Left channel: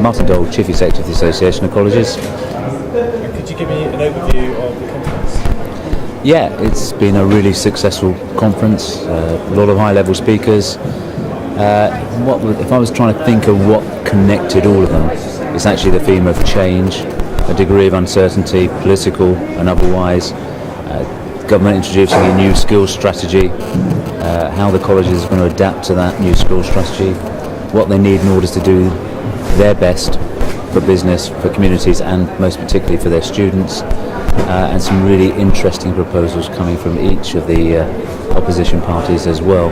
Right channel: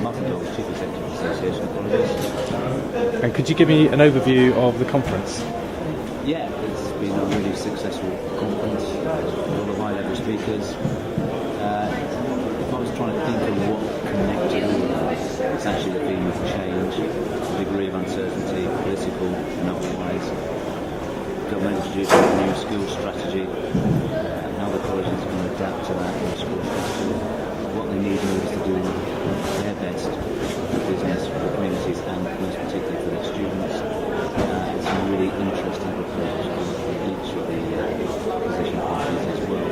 Martin Doel, Chief Executive of the Association of Colleges. And could you give me an overview of the conference? Yeah, it's been a really successful conference, a lot of high-level speakers. If I was trying to think of what connected all of them, it's actually the theme of change, a degree of uncertainty, political and otherwise, government introducing a new skills strategy, how the colleges are going to adapt to that new skills strategy, what they need in order to do their best for business, for communities, and most particularly for their students, and some really interesting proposals coming from each of the opposition parties as well,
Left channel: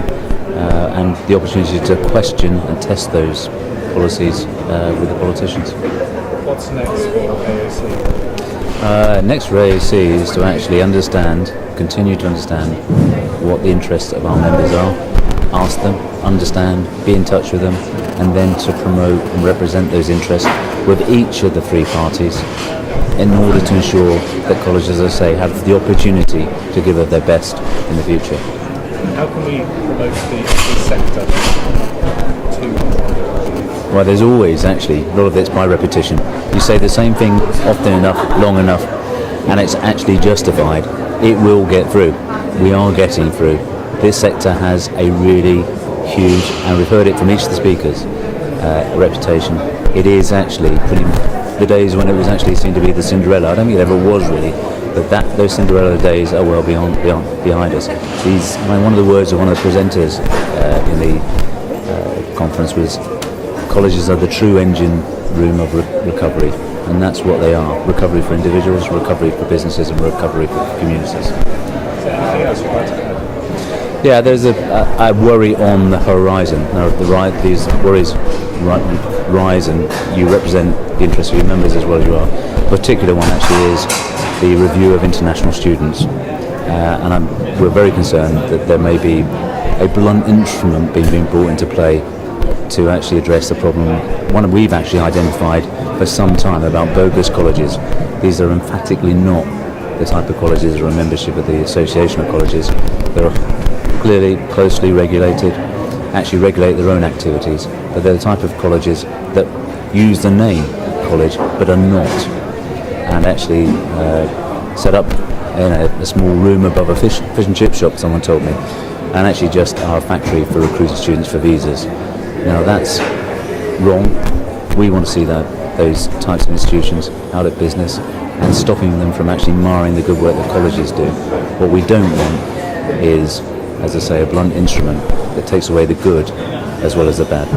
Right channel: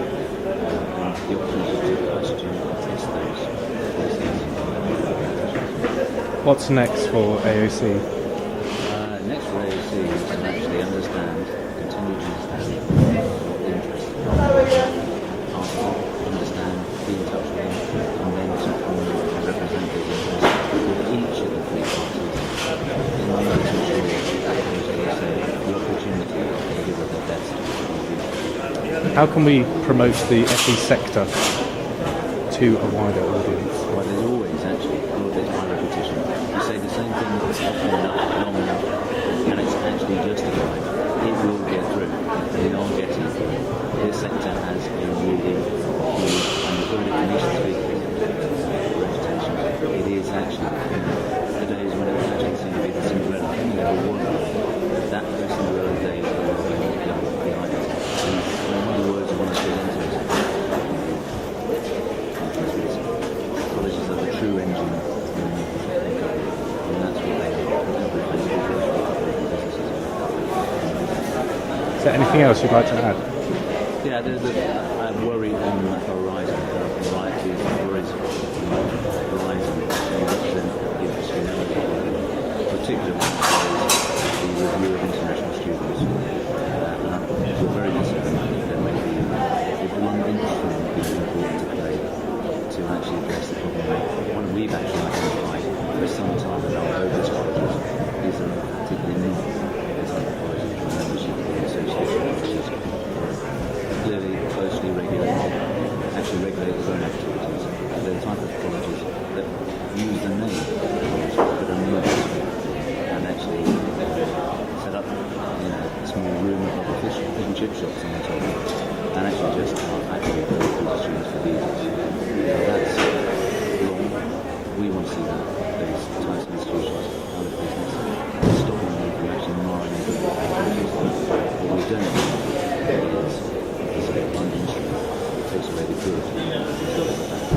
and the opportunity to question and test those policies with the politicians. What's next for AoC? Next for AoC is to actually continue to understand what the interests of our members are, ask them, understand, be in touch with them, and then to promote and represent those interests with each of the three parties in order to ensure that colleges, as I say, have the opportunity to give of their best in the future. How can we promote the sector to a wider audience? Well, there's always actually, a lot of it's by repetition. You say the same thing often enough, long enough, and it's actually justified. It will get through. We are getting through. This sector has a really huge, and we've heard it from each of the speakers, reputation. It is actually the days when it was actually seen to be the Cinderella. I don't think it ever was really, but those Cinderella days are well behind us. One of the words of one of the presenters in the conference was, colleges are the true engine room of recovery, and that's what they are. Recovery for individuals, recovery for businesses, and recovery for communities. Is there anything else you'd like to add? Yeah, there's a worry on the horizon. These worries rise, and you represent the interests of your members as well as you are. A particular one actually is the review of international students, and we're very concerned that there may be a blunt instrument being brought into play to actually address the problem. One we've actually identified for some time about bogus colleges. These are emphatically not the type of colleges or a membership of the Association of Colleges. They're clearly closely regulated, actually regulate their own activities, but they're the type of colleges that use the name college but are not, and actually set up in a small room above a fish and chip shop, someone told me, and actually just are a factory for recruiting students for visas. Now that's wrong. We want to see those types of institutions out of business and stopping them from actually marring the good work that colleges do. What we don't want is, as I say, a blunt instrument that takes away the good as well as the bad.